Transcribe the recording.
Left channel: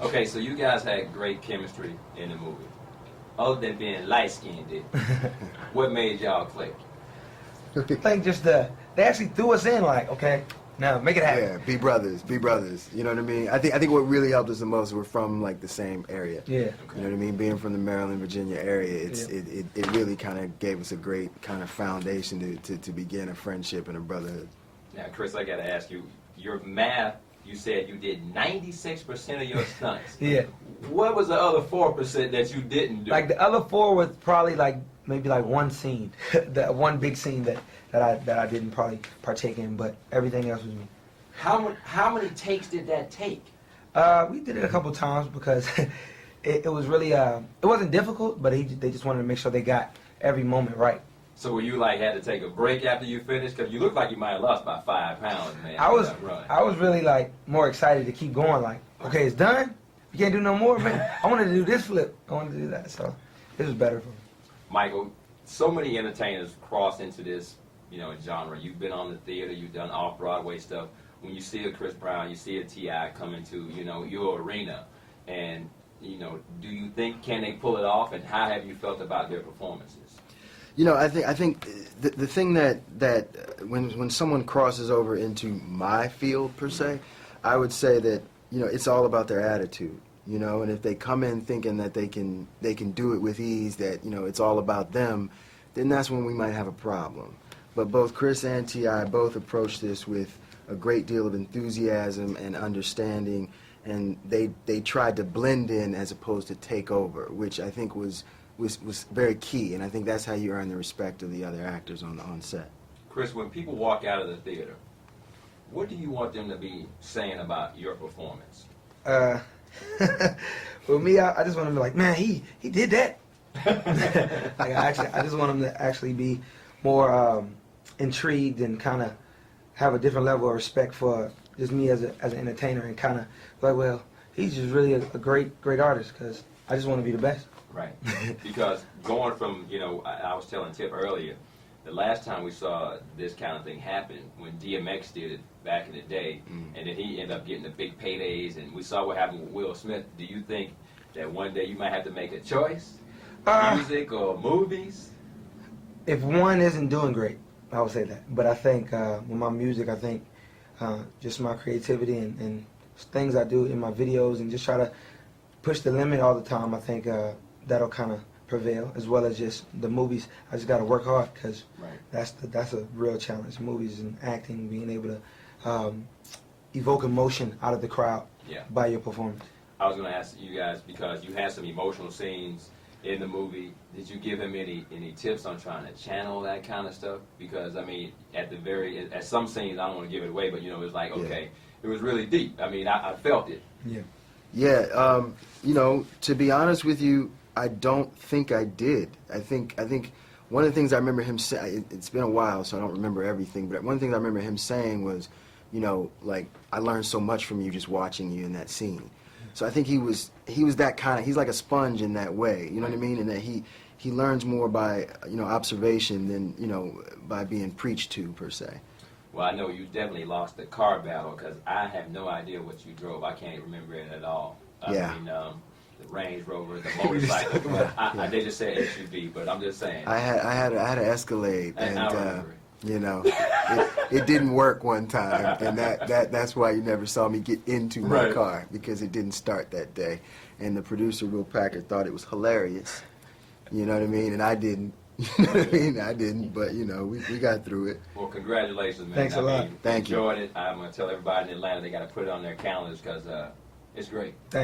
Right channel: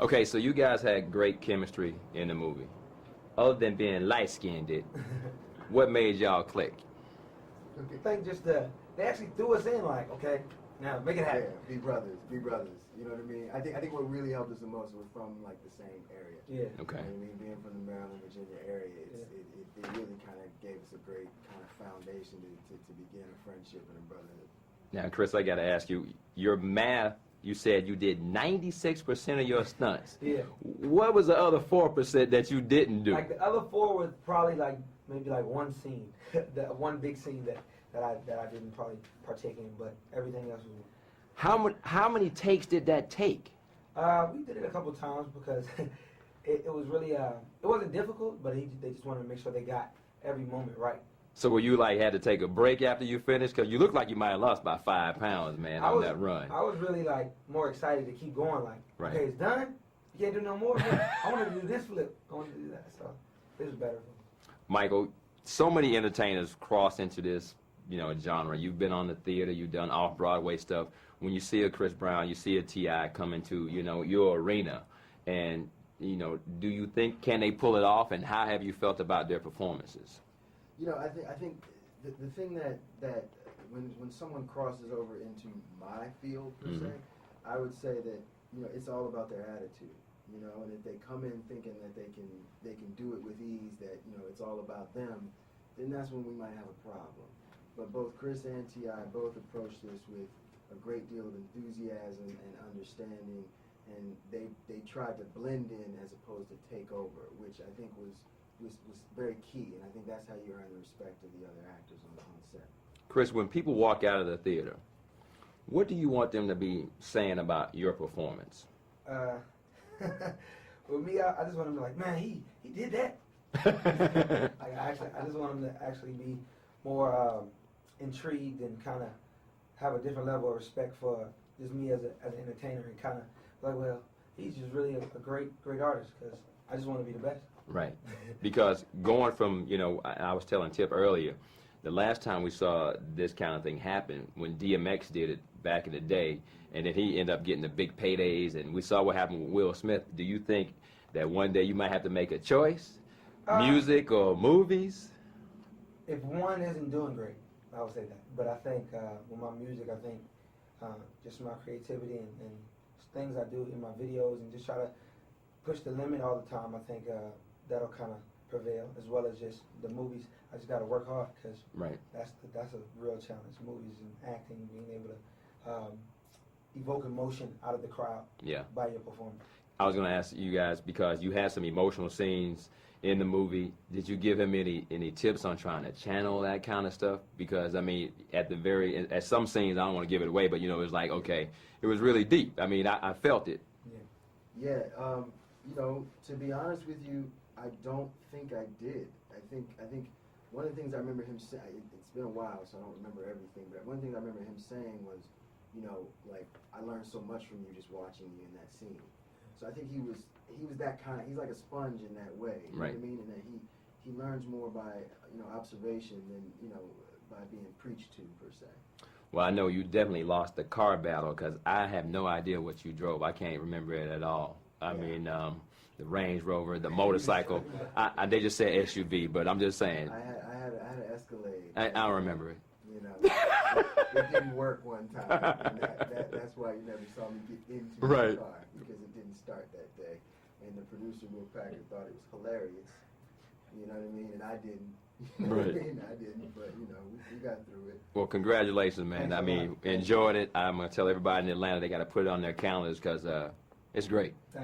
Okay, so you guys had great chemistry in the movie. Other than being light-skinned, what made y'all click? I think just they actually threw us in like, okay, now make it happen. Yeah, be brothers, be brothers. You know what I mean? I think what really helped us the most, we're from like the same area. Yeah. Okay. You know what I mean? Being from the Maryland, Virginia area, it really kind of gave us a great kind of foundation to begin a friendship and a brotherhood. Now, Chris, I got to ask you, your math, you said you did 96% of your stunts. Yeah. What was the other 4% that you didn't do? Like the other 4 was probably like maybe like one scene, that one big scene that I didn't probably partake in, but everything else was me. How many takes did that take? We did it a couple times because it was really it wasn't difficult, but they just wanted to make sure they got every moment right. So were you like had to take a break after you finished? Because you look like you might have lost about 5 pounds, man. I was run. really like more excited to keep going. Like, okay, it's done. You can't do no more, man. I wanted to do this flip. I wanted to do that. So it was better for me. Michael, so many entertainers cross into this, genre. You've been on the theater. You've done off-Broadway stuff. When you see a Chris Brown, you see a T.I. come into, your arena, and, do you think can they pull it off? And how have you felt about their performances? I think the thing that when someone crosses over into my field per se, I would say that it's all about their attitude. And if they come in thinking that they can do it with ease, that it's all about them, then that's when we might have a problem. But both Chris and T.I. both approached this with a great deal of enthusiasm and understanding, and they tried to blend in as opposed to take over, which I think was very key, and I think that's how you earn the respect of the other actors on set. Chris, when people walk out of the theater, what do you want them to be saying about your performance? For me, I just want them to be like, man, he did that. Like I just want them to actually be more intrigued and kind of have a different level of respect for just me as an entertainer, and kind of like, well, he's just really a great artist, because I just want to be the best. Right. Because going from, I was telling Tip earlier, the last time we saw this kind of thing happen, when DMX did it back in the day, and then he ended up getting the big paydays, and we saw what happened with Will Smith. Do you think that one day you might have to make a choice? Music or movies? If one isn't doing great, I would say that. But I think with my music, I think just my creativity and things I do in my videos, and just try to push the limit all the time, I think that'll kind of prevail, as well as just the movies. I just got to work hard, because that's a real challenge. Movies and acting, being able to evoke emotion out of the crowd by your performance. I was going to ask you guys, because you had some emotional scenes in the movie, did you give him any tips on trying to channel that kind of stuff? Because, I mean, at some scenes, I don't want to give it away, but, it was like, okay, it was really deep. I mean, I felt it. Yeah, to be honest with you, I don't think I did. I think one of the things I remember him saying, it's been a while, so I don't remember everything, but one of the things I remember him saying was, like, I learned so much from you just watching you in that scene. So I think he was that kind of, he's like a sponge in that way, you know what I mean? And that he learns more by, observation than, by being preached to, per se. Well, I know you definitely lost the car battle, because I have no idea what you drove. I can't remember it at all. I mean, the Range Rover, the motorcycle. They just said SUV, but I'm just saying. I had an Escalade, and I remember it didn't work one time, and that's why you never saw me get into my car, because it didn't start that day. And the producer, Will Packard, thought it was hilarious. You know what I mean? And I didn't. You know what I mean? I didn't, but we got through it. Well, congratulations, man. Thanks a lot. Enjoyed it. I'm gonna tell everybody in Atlanta they got to put it on their calendars, because it's great. Thanks.